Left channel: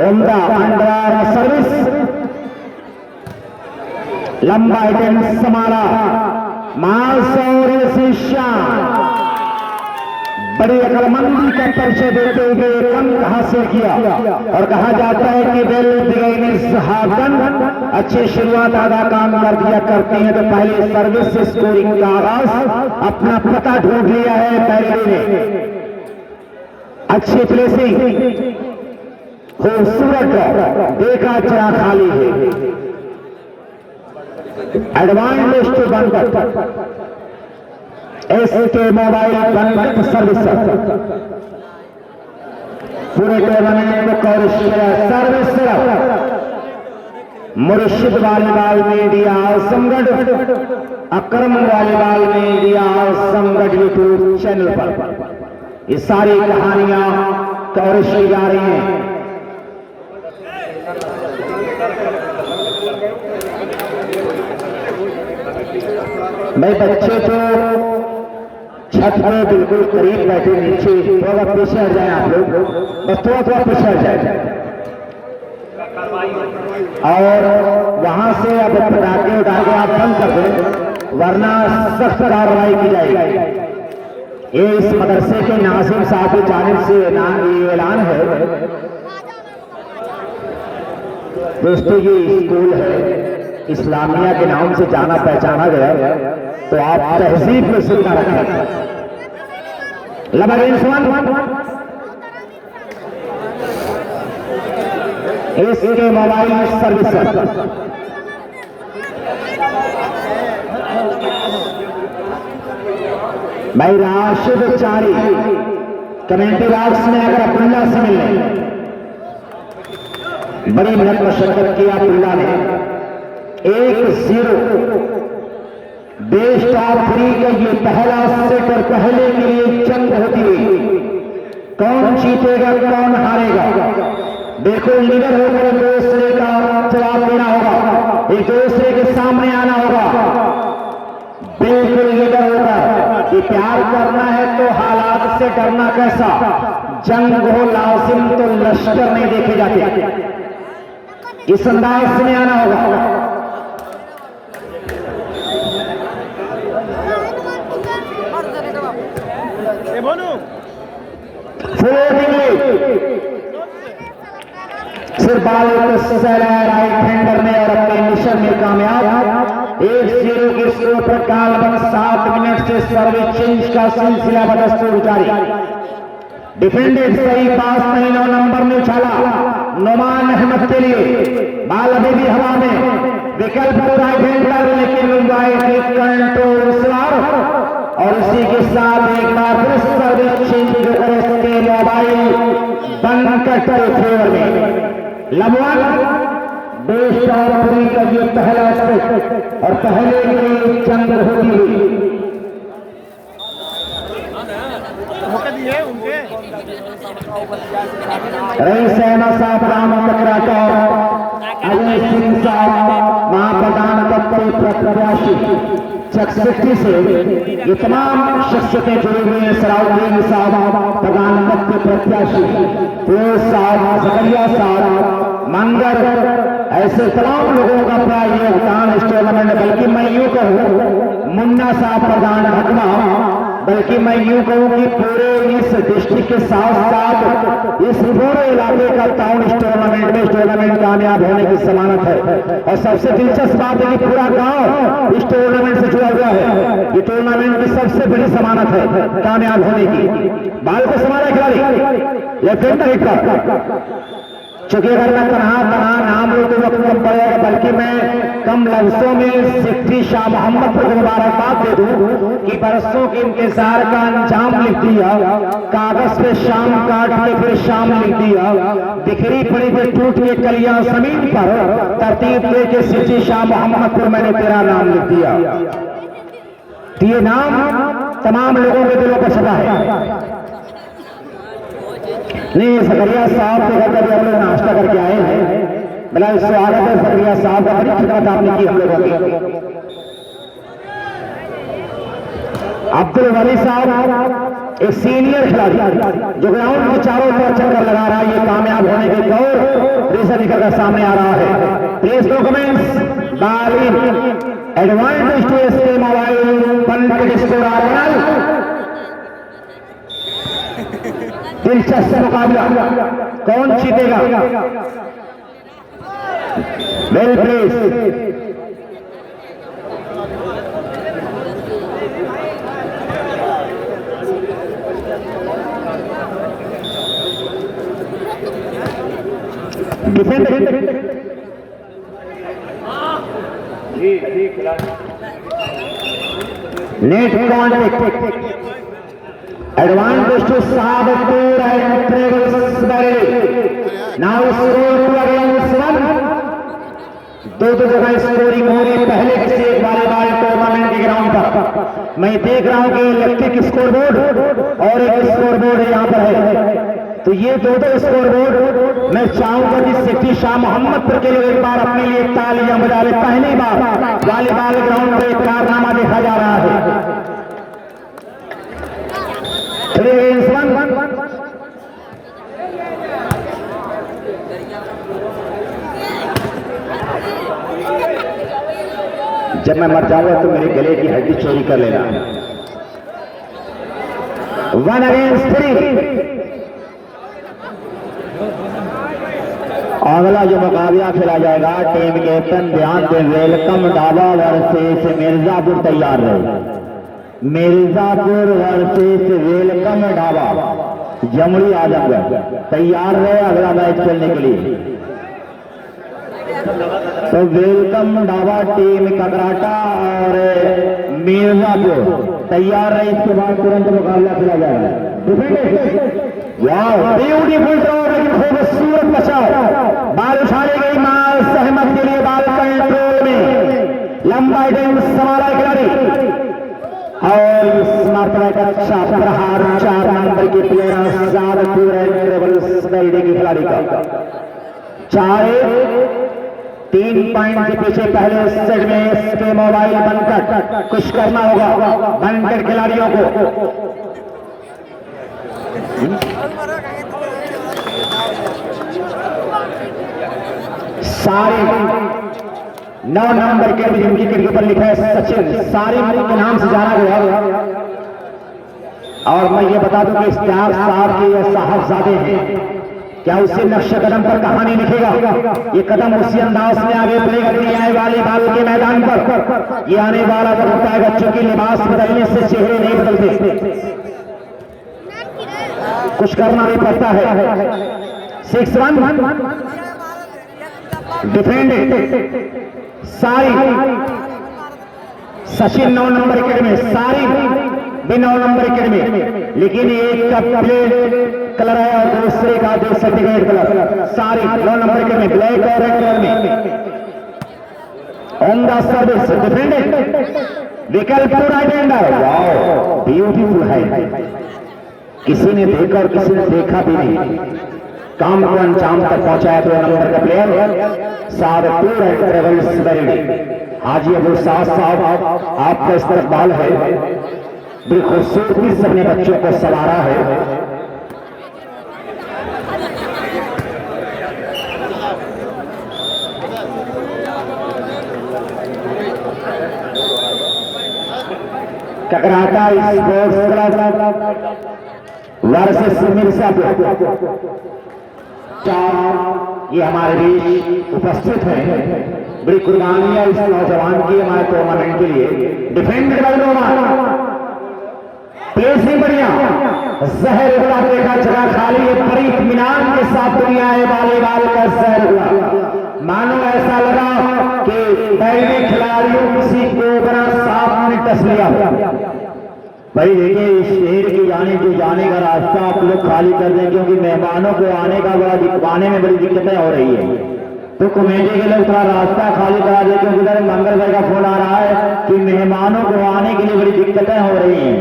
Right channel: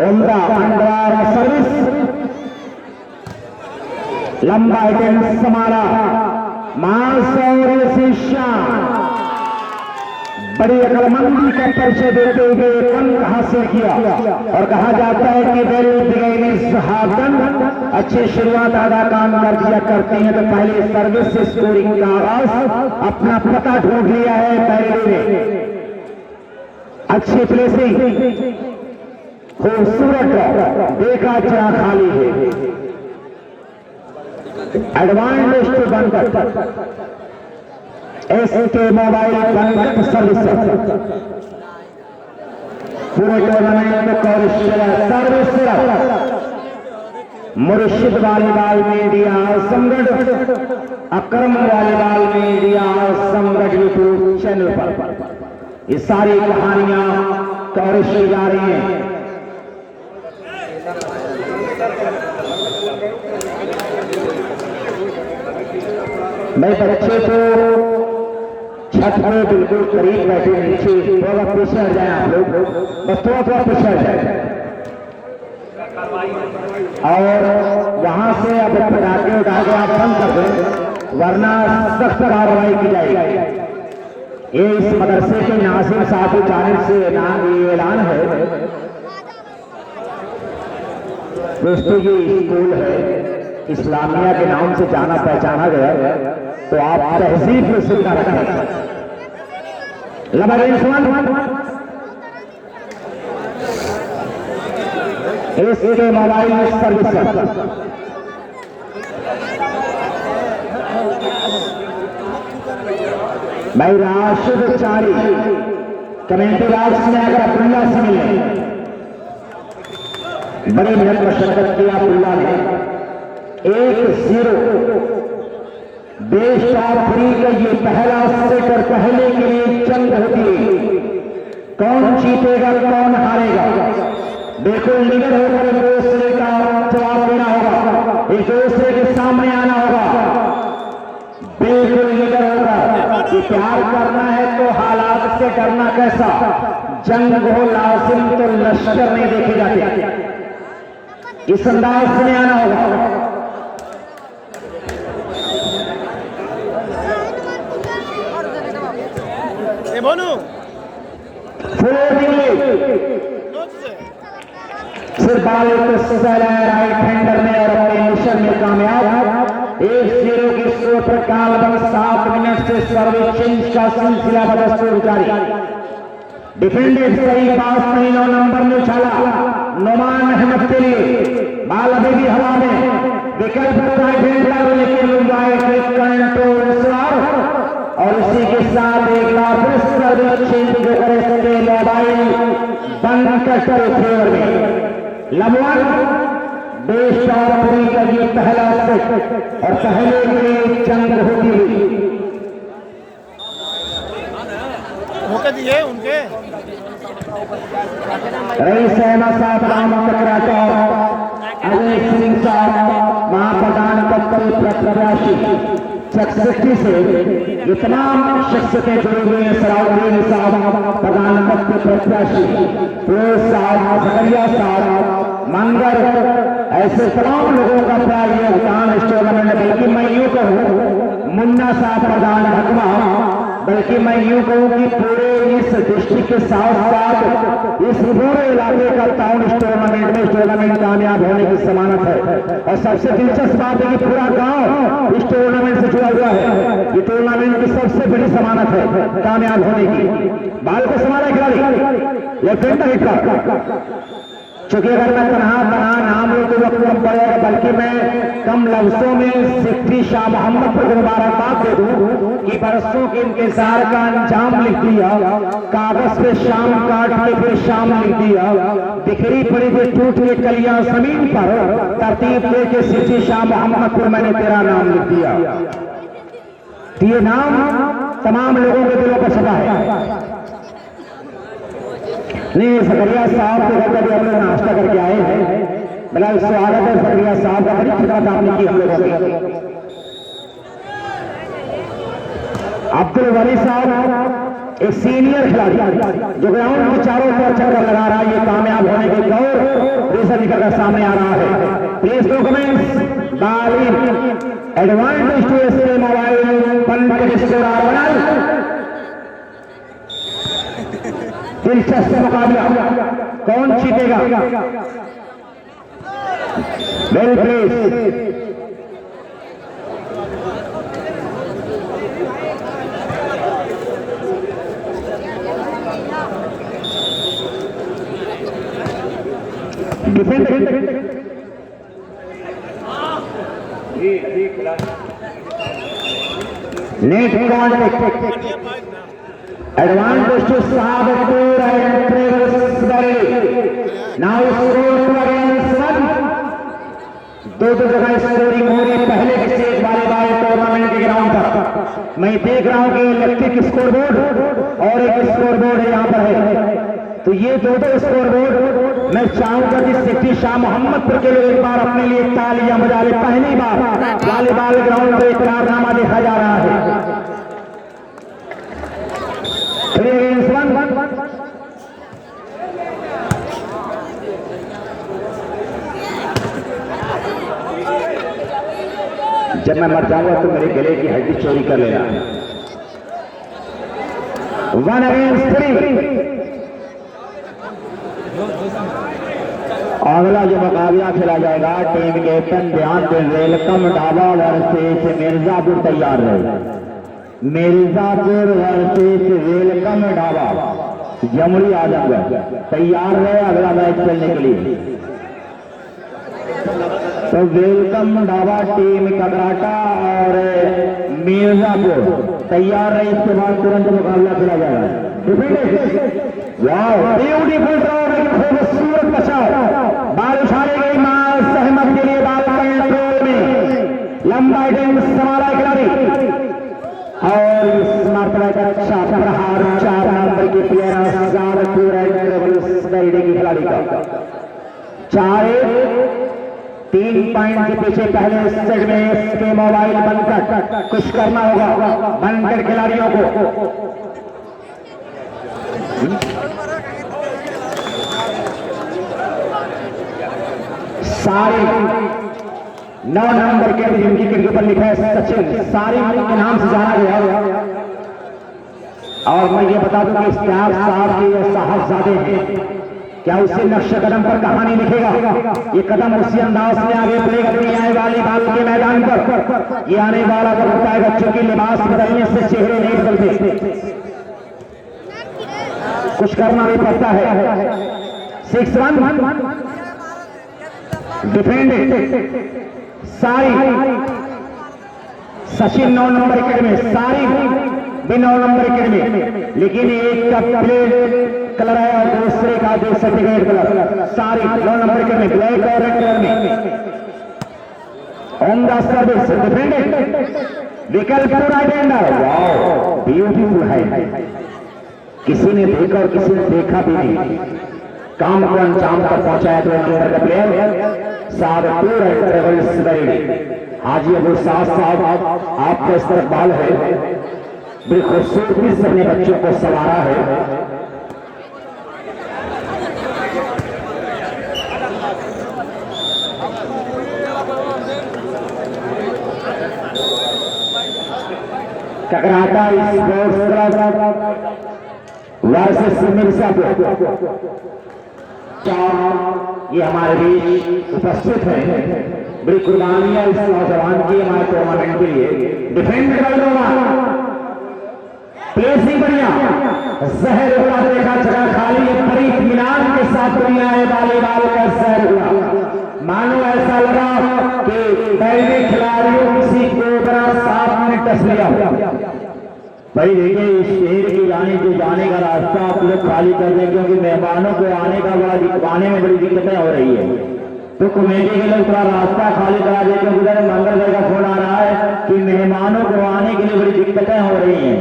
उमदा under service लंबा tennis संभाला मासूर शिष्या बड़ी अकलमंदी का परिचय देते हुए अंक हासिल किया और कहा जाता है कि अच्छी शुरुआत आधा काम कर दिया करते हैं तो पहले सर्विस से स्कोरिंग का आगाज अपना पता ढूंढ लिया है पहले ने अच्छी प्लेसिंग खूबसूरत देखा चला खाली है एडवांटेज टू बनकर एसके मोबाइल बनकर सर्विस पूरे टूर्नामेंट में सर्विस मुर्शिद वॉलीबॉल मीडिया संगठ अक्रम वॉलीबॉल मीडिया संगठ यूट्यूब चैनल पर ये सारी कहानियां कवरेज की जा रही हैं। मैं बच्चे तो छत में बिल्कुल करीब बैठे नीचे थोड़ा पीछे हट जाए आप लोग बस थोड़ा पीछे हट जाए और वहां से अब पटाखे उठा के आप बंद कर दें वरना सख्त कार्रवाई की जाएगी। ये इस मदरसे के नासिर साहब की जानिब से ऐलान है। दोस्तों ये स्कूल है इस्लामिया के नाम से जाना पहचाना गया तो आप तहजीब में सिर्फ रखें। इसके मोबाइल सर्विस भाई राशिद चारी कमेंट्री बॉक्स में अगर अब्दुल्ला से मिलने बड़ी मेहनत मशक्कत किया अब्दुल्ला ने 1-0 बेस्ट ऑफ 3 का ये पहला सेट और पहले के लिए जंग होती हुई कौन जीतेगा कौन हारेगा बिल्कुल लीडर होकर एक दूसरे का जवाब देना होगा एक दूसरे के सामने आना होगा बिल्कुल लीडर होगा कि प्यार करना है तो हालात से डरना कैसा जंग हो लाजिम तो लश्कर नहीं देखे जाते इस अंदाज से आना होगा। सिर्फ राइट हैंडर में और अपने मिशन में कामयाब 1-0 की स्कोर पर कालबन 7 मिनट से सर्विस चेंज का सिलसिला बदस्तूर जारी डिफेंडेड सही पास नहीं 9 नंबर में उछाला नुमान अहमद के लिए बाल अभी भी हवा में विकल्प होता है गेंदबाज लेकिन कंट्रोल और इसी के साथ एक बार फिर सर्विस चेंज के मोबाइल बंद कर फेवर में लगभग देश का ये पहला सेट और पहले के लिए जंग होती हुई रईस अहमद साहब राम टकराचा अजय सिंह साहब महाप्रधान प्रत्याशी चकसठी से ये तमाम शख्सियतें जुड़ी हुई हैं। सलाउद्दीन साहब प्रधानमंत्री प्रत्याशी फिरोज साहब जकरिया साहब मंगर ऐसे तमाम लोगों का अपना योगदान इस टूर्नामेंट में बल्कि मैं यूं कहूँ मुन्ना साहब प्रधान हकमा बल्कि मैं यूं कहूँ कि पूरे इस डिस्ट्रिक्ट के साथ साथ इस पूरे इलाके का टाउन इस टूर्नामेंट कामयाब होने की जमानत है। और सबसे दिलचस्प बात है कि पूरा गांव इस टूर्नामेंट से जुड़ा हुआ है। ये टूर्नामेंट की सबसे बड़ी जमानत है कामयाब होने की। बाल को समारे खिलाड़ी या फिर नहीं चूंकि अगर मैं तनहा नाम लूँ तो वक्त कम पड़ेगा बल्कि मैं कम लफ्जों में सिद्धि शाह मोहम्मद को मुबारकबाद दे दूं कि बरसों के इंतजार का अंजाम लिख दिया कागज पे शाम काट के फिर शाम लिख दिया बिखरी पड़ी पे टूट के कलियां जमीन पर तरतीब दे के सिद्धि शाह मोहम्मद को मैंने तेरा नाम लिख दिया। ये नाम तमाम लोगों के दिलों पर छपा है। नहीं जकरिया साहब के घर कभी हम लोग नाश्ता करके आए हैं बड़ा स्वागत है जकरिया साहब का बड़ी खिदमत आपने की हम लोगों की। अब्दुल वली साहब एक सीनियर खिलाड़ी जो ग्राउंड में चारों तरफ चक्कर लगा रहा है, ये कामयाब होने के और रेसर निकलकर सामने आ रहा है। Please documents ball in advantage to SK mobile Pandit score दिलचस्प मुकाबला, कौन जीतेगा? Well please defend net contact advantage to Sahabatpur and Travis now score against one. दो जगह स्कोरिंग हो रही पहले किसी एक बार टूर्नामेंट के ग्राउंड पर। मैं देख रहा हूं कि इलेक्ट्रिक स्कोरबोर्ड और एक स्कोरबोर्ड यहाँ पर है, तो ये दो स्कोरबोर्ड मैं चाहूंगा कि सेठी शाह मोहम्मदपुर के लिए एक बार अपने लिए तालियां बजा रहे। पहली बार वॉलीबॉल ग्राउंड पर एक कारनामा देखा जा रहा है। जब मैं मर जाऊंगा तो मेरे गले की हड्डी चोरी कर लेना। 1 against 3। अगला जो मुकाबला खेला जाएगा टीम कैप्टन ध्यान दे, वेलकम डाबा वर्सेस मिर्जापुर तैयार रहे। मिर्जापुर वर्सेस वेलकम डाबा जमुई आजमगढ़ तैयार रहे अगला मैच खेलने के लिए। तो वेलकम डाबा टीम ककराटा और मिर्जापुर तैयार रहे, इसके बाद तुरंत मुकाबला खेला जाएगा। ब्यूटीफुल खूबसूरत बचाव, बाल उछाली गई माल सहमत के लिए, बाल कंट्रोल में लंबा टाइम संभाला खिलाड़ी और इस मरतबा का अच्छा प्रहार 4 नंबर के प्लेयर सादपुर एंड ट्रेवल्स के खिलाड़ी का 4-3 पॉइंट के पीछे पहले सेट में इसके मोबाइल बनकर कुछ करना होगा बनकर खिलाड़ियों को। सारी 9 नंबर के जिनकी के ऊपर लिखा है सचिन, सारी के नाम से जाना गया। और मैं ये बता दूं कि इश्तिहार साहब के ये साहबजादे हैं, क्या उसी नक्शे कदम पर कहानी लिखेगा? ये कदम उसी अंदाज में आगे प्ले करनी है वॉलीबॉल के मैदान पर। ये आने वाला वक्त है बच्चों के लिबास बदलने से चेहरे नहीं बदलते, कुछ करना भी पड़ता है। 6 रन डिफेंड सारी सचिन 9 नंबर विकेट में, सारी भी 9 नंबर विकेट में, लेकिन एक का प्लेट कलर है और दूसरे का जो सर्टिफिकेट कलर, सारी 9 नंबर विकेट में ब्लैक और रेड कलर में। ऑन द सर्विस डिफेंड विकल्प राइट हैंडर, वाओ ब्यूटीफुल है, किसी ने देखा और किसी ने देखा भी नहीं, काम को अंजाम तक पहुंचाया 2 नंबर का प्लेयर सादपुर एंड ट्रेवल्स हाजी अबू साहब आपका इस्तकबाल है, बिल्कुल खूबसूरती से अपने बच्चों को सवारा है। ककराटा स्पोर्ट्स क्लब वर्सेस मिर्जापुर, ये हमारे बीच उपस्थित है। बड़ी कुर्बानी है इस नौजवान की हमारे टूर्नामेंट के लिए। डिफेंड कर दूंगा, प्लेसिंग बढ़िया, जहर हुआ देखा जगह खाली, बड़ी इत्मीनान के साथ दुनिया है वॉलीबॉल का जहर हुआ। मानो ऐसा लगा कि पहले खिलाड़ियों किसी को बड़ा साफ ने टच लिया। भाई देखिए इस शहर के जाने का रास्ता आप लोग खाली कर दें, क्योंकि मेहमानों को आने का आने में बड़ी दिक्कतें हो रही है। तो कमेटी के लोग थोड़ा रास्ता खाली करा देते हैं। उधर मंगल भाई का फोन आ रहा है कि मेहमानों को आने के लिए बड़ी दिक्कतें हो रही हैं,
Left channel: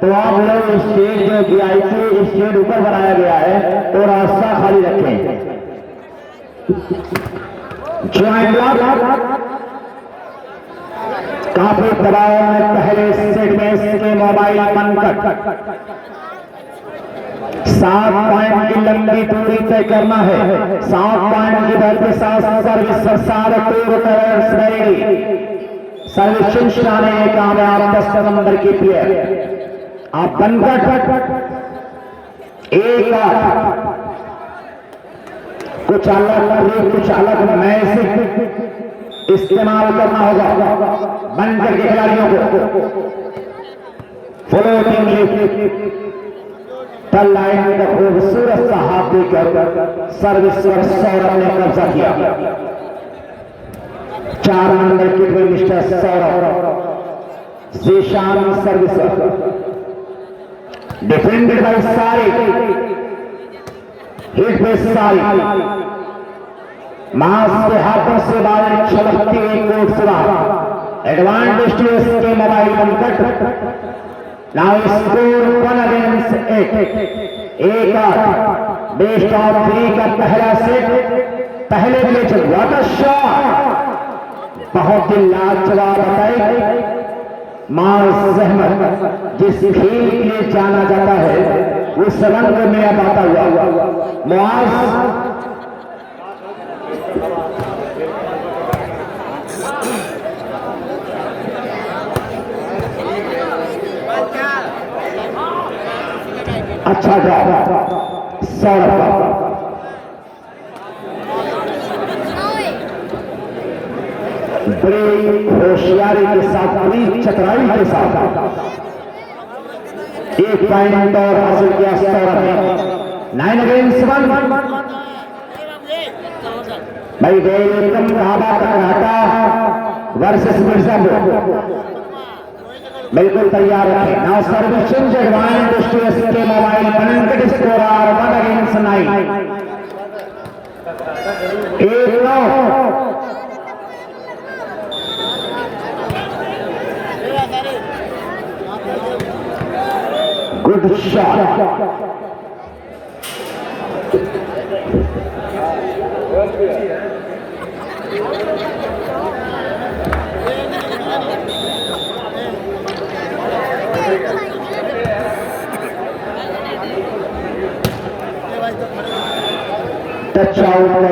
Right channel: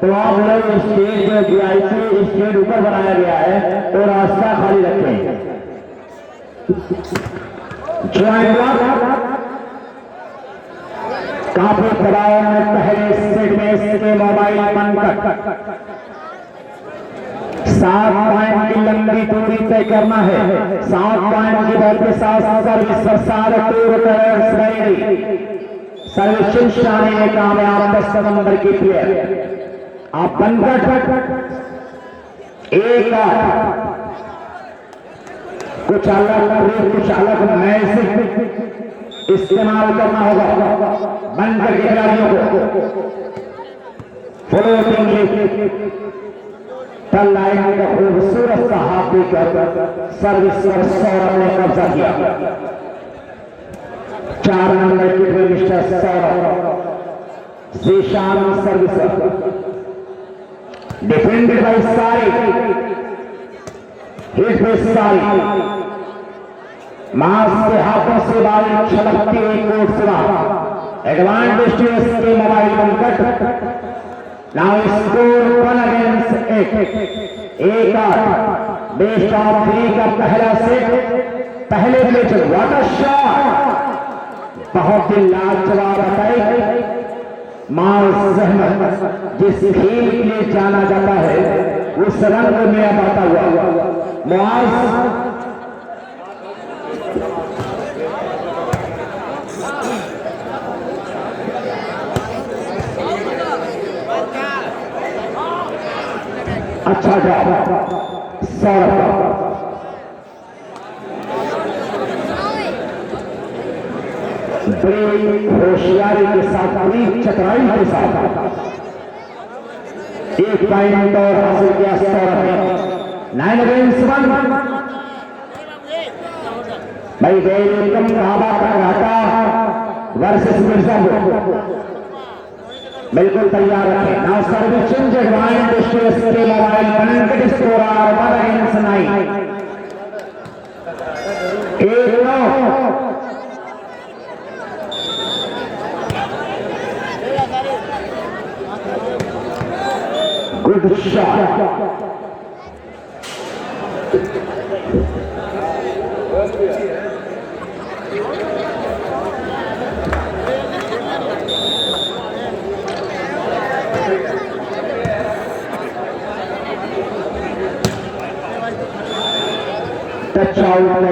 तो आप लोग स्टेज जो VIP स्टेज ऊपर बनाया गया है तो रास्ता खाली रखें। काफी दबाव में पहले सेट में इसके मोबाइल बनकर 7 पॉइंट की लंबी दूरी तय करना है। 7 पॉइंट की दौड़ के साथ सर्विस सर्विस आने में कामयाब 10 नंबर की प्लेयर आप बनकर एक कुछ अलग मैच इस्तेमाल करना होगा। बनकर के खिलाड़ियों को फ्लोटिंग टल लाइन का खूबसूरत सा हाथ देकर सर्विस पर सौरभ ने कब्जा किया। 4 नंबर की team mister Saurabh Zeeshan service defended bye सारिक हिट पे सारिक मास के हाथों से बाल छलकती हुई कोर्ट सुना एडवांटेज टू एसके मोबाइल बनकर नाउ स्कोर 1 अगेंस्ट 8 एक बेस्ट ऑफ 3 का पहला सेट पहले मैच वाटर शॉट बहुत ही लाजवाब बताई। मास अहमद जिस खेल के लिए जाना जाता है उस रंग में अब आता हुआ मुआज अच्छा जॉब सौरभ बड़ी होशियारी के साथ बड़ी चतुराई के साथ 1 पॉइंट और हासिल किया सौरभ ने। 9 अगेंस्ट 1 भाई एकदम काबा का घाटा वर्सेस मिर्जापुर बिल्कुल तैयार रखें। Now service advantage to SK mobile बनकर score 1 against 9 good shot touch out में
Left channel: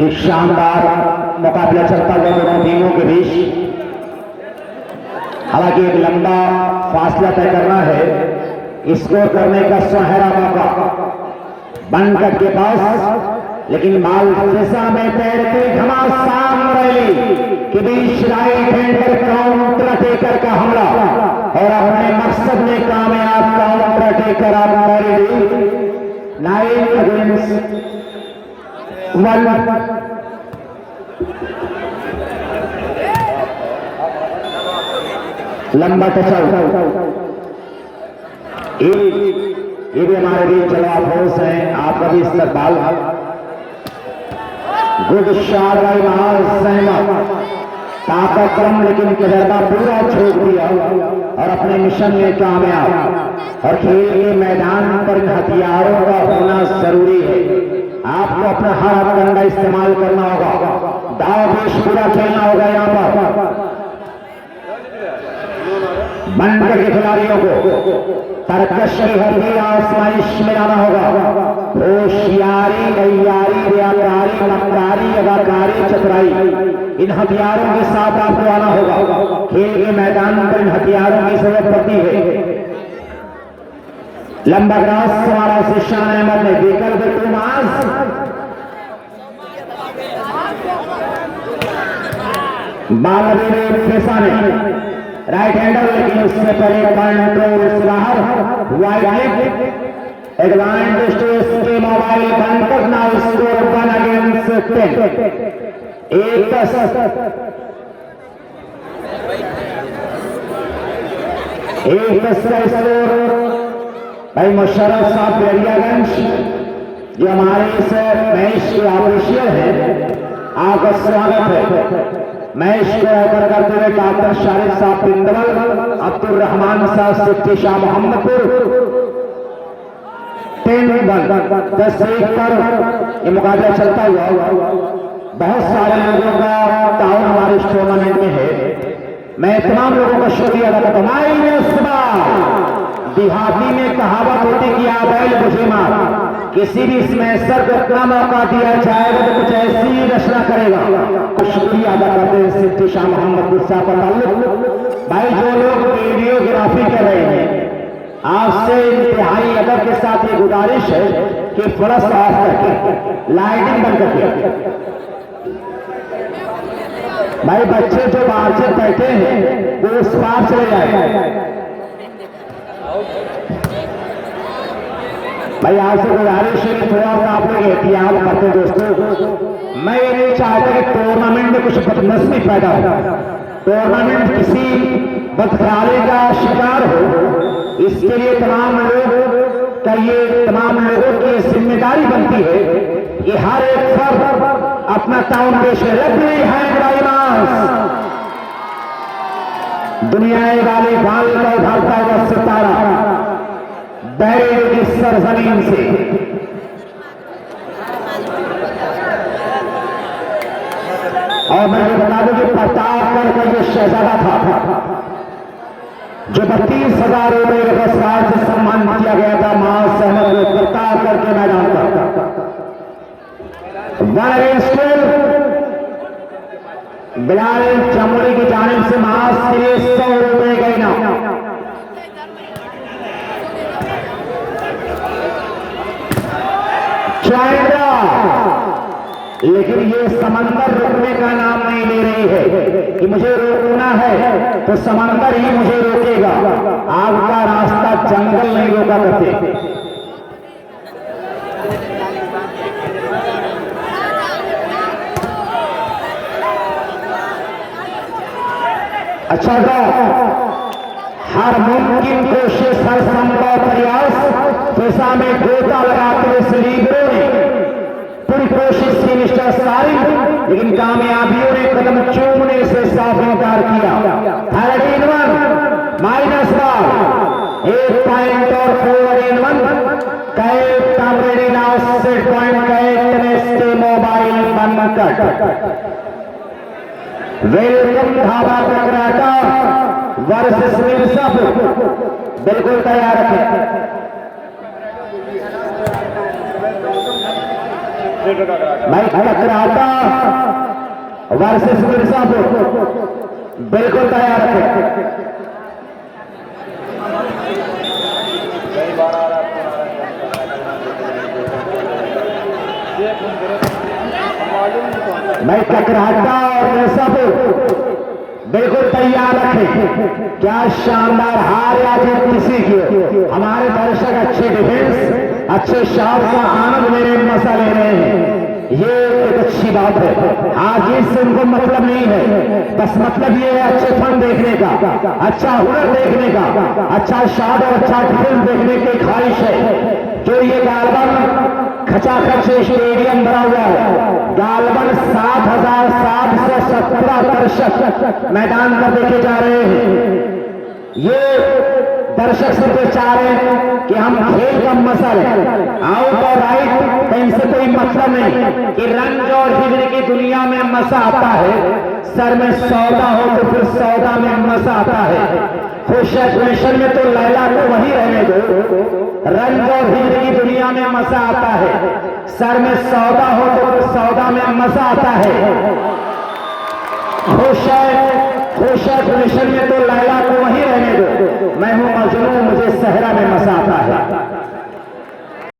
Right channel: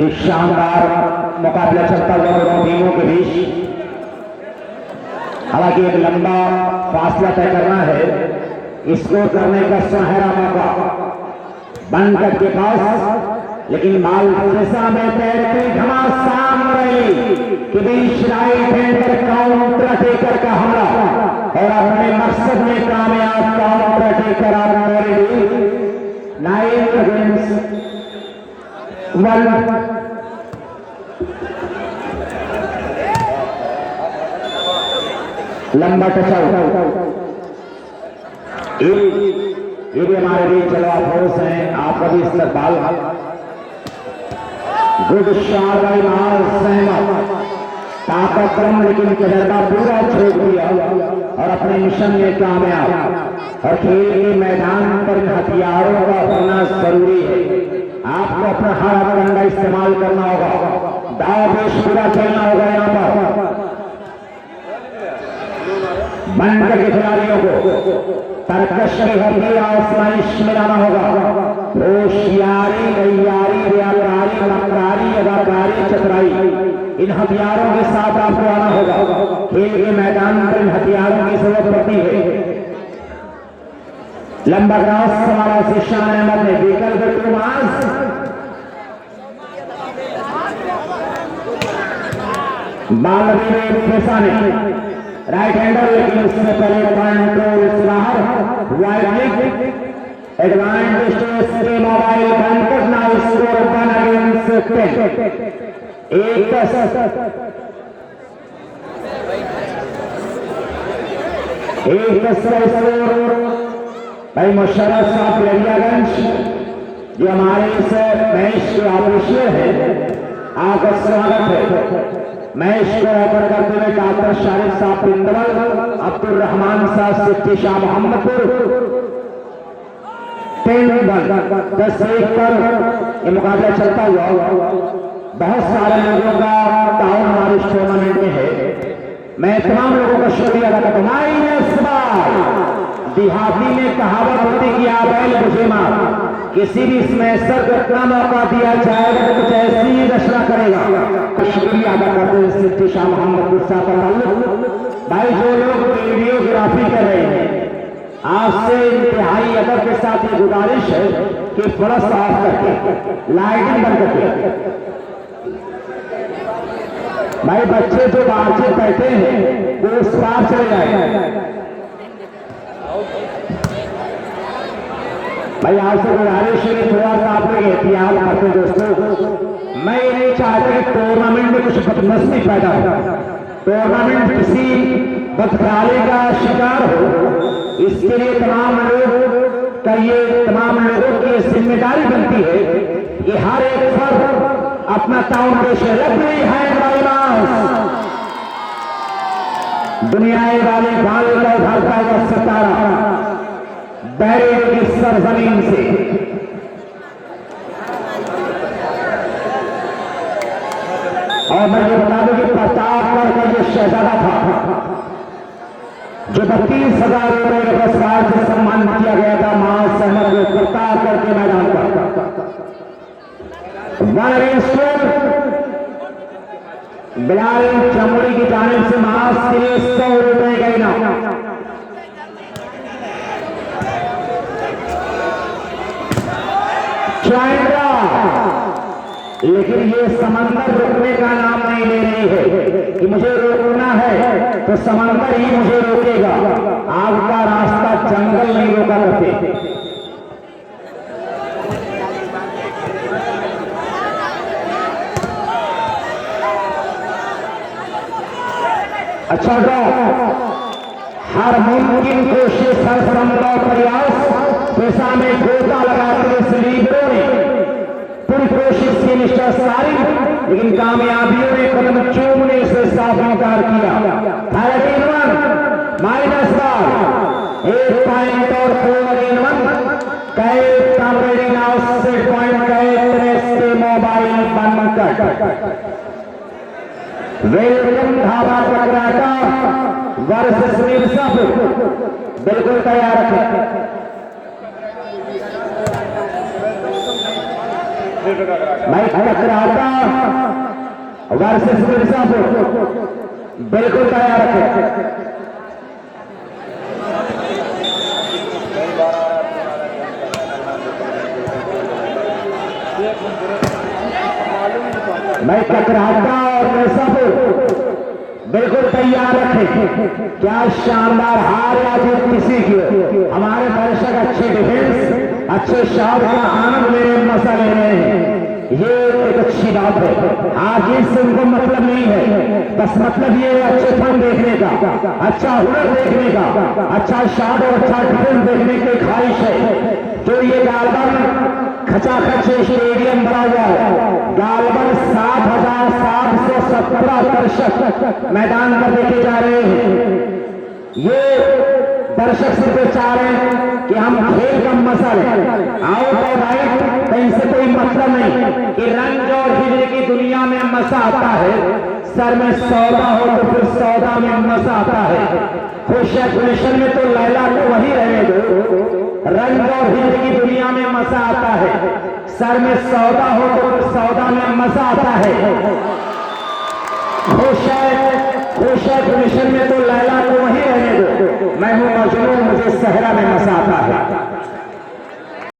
एक शानदार मुकाबला चलता हुआ दोनों टीमों के बीच। हालांकि एक लंबा फासला तय करना है स्कोर करने का सुनहरा मौका बनकर के पास, लेकिन बाल दिशा में तैरते घमासान रैली के बीच राइट हैंडर काउंटर टेकर का हमला और अपने मकसद में कामयाब काउंटर टेकर आप 9 अगेंस्ट 1 लंबा टच ये भी हमारे बीच चला फोर्स है आपका भी इस्तेमाल गुड शॉट ताकत कम लेकिन तजर्बा पूरा छोड़ दिया और अपने मिशन में कामयाब। और खेल के मैदान पर हथियारों का होना जरूरी है। आपको अपना हाथ कंधा इस्तेमाल करना होगा, दाव पेश पूरा खेलना होगा। यहाँ पर बनकर के खिलाड़ियों को तरकशरी हरदी आसमाइश में लाना होगा। होशियारी तैयारी व्यापारी नमरारी अदाकारी चतुराई इन हथियारों के साथ आपको आना होगा। खेल के मैदान पर इन हथियारों की जरूरत पड़ती है। लंबा ग्रास हमारा शिशान अहमद ने देकर राइट हैंडर, लेकिन उससे पहले कंट्रोल बाहर wide advantage to SK mobile बनकर नाउ स्कोर 1 अगेंस्ट 10 एक स्कोर भाई मुशर्रफ साहब लड़ियागंज जो हमारे इस मैच के ऑफिशियल है, आपका स्वागत है। मैच को ओपन करते हुए डॉक्टर शाहिद साहब पिंदरल, अब्दुल रहमान साहब सिद्दीक शाह मोहम्मदपुर 10 पर ये मुकाबला चलता हुआ। बहुत सारे लोगों का ताउन हमारे इस टूर्नामेंट में है। मैं तमाम लोगों का शुक्रिया अदा करता हूं। देहाती में कहावत होती कि आ बैल बजे मार, किसी भी स्मैशर को इतना मौका दिया जाएगा तो कुछ ऐसी ही रचना करेगा। शुक्रिया अदा करते हैं सिद्धि शाह मोहम्मद गुस्सा का ताल्लुक। भाई जो लोग वीडियोग्राफी कर रहे हैं, आपसे इंतहाई अदब के साथ ये गुजारिश है कि थोड़ा सा ऑफ करके लाइटिंग बंद करके, भाई बच्चे जो बाहर से बैठे हैं वो उस पार चले जाए। भाई आपसे गुजारिश है कि थोड़ा सा आप लोग एहतियात करते दोस्तों। मैं ये नहीं चाहता कि टूर्नामेंट में कुछ बदनस्मी पैदा हो, टूर्नामेंट किसी बदखराले का शिकार हो। इसके लिए तमाम लोग का ये तमाम लोगों की जिम्मेदारी बनती है कि हर एक फर्द अपना काम पेश करे। दुनिया वाले बाल का उठाता है सितारा बहरे की सरजमीन से। और मैं ये बता दूं कि प्रतापगढ़ का जो शहजादा था, जो 32,000 रुपये पुरस्कार से सम्मानित किया गया था, मां सहमत को प्रतापगढ़ के मैदान का बिलाल चमड़ी की जानिब से मास के लिए 100 रुपए का इनाम। लेकिन ये समंदर रुकने का नाम नहीं ले रही है कि मुझे रोकना है तो समंदर ही मुझे रोकेगा। आपका रास्ता जंगल नहीं रोका करते। अच्छा तो हर मुमकिन कोशिश, हर संभव प्रयास पेशा में गोता लगाते सलीबों ने पूरी कोशिश की मिस्टर सारी, लेकिन कामयाबियों ने कदम चूमने से साफ इनकार किया। हालांकि माइनस बार 1 पॉइंट और 4-1 कई कामरेडी नाउ सेट पॉइंट कई मोबाइल बंद कर वेलकम ढाबा ककराटा वर्सेस मिर्जापुर बिल्कुल तैयार रखें। भाई ककराटा वर्सेस मिर्जापुर बिल्कुल तैयार रखें। मैं ककराटा और मिर्जापुर बिल्कुल तैयार रखें। क्या शानदार हार या जीत किसी की हो, हमारे दर्शक अच्छे डिफेंस, अच्छे शॉट का आनंद मेरे मजा ले रहे हैं, ये एक अच्छी बात है। आज इससे उनको मतलब नहीं है, बस मतलब ये है अच्छे फन देखने का, अच्छा हुनर देखने का, अच्छा शॉट और अच्छा डिफेंस देखने की ख्वाहिश है। जो ये गालबन खचाखच स्टेडियम बना हुआ है, गालबन 7,717 दर्शक मैदान पर देखे जा रहे हैं। ये दर्शक से चाह रहे हैं कि हम खेल का मजा लें, आउट और राइट इनसे कोई मतलब नहीं कि रंग और हिजरे की दुनिया में मजा आता है। सर में सौदा हो तो फिर सौदा में मजा आता है। खुश में तो लैला को वही रहने दो, रंग और हिजरे की दुनिया में मजा आता है। सर में सौदा हो तो फिर सौदा में मजा आता है। खुश में तो लैला को वही रहने दो, मैं हूं मजनू, मुझे सहरा में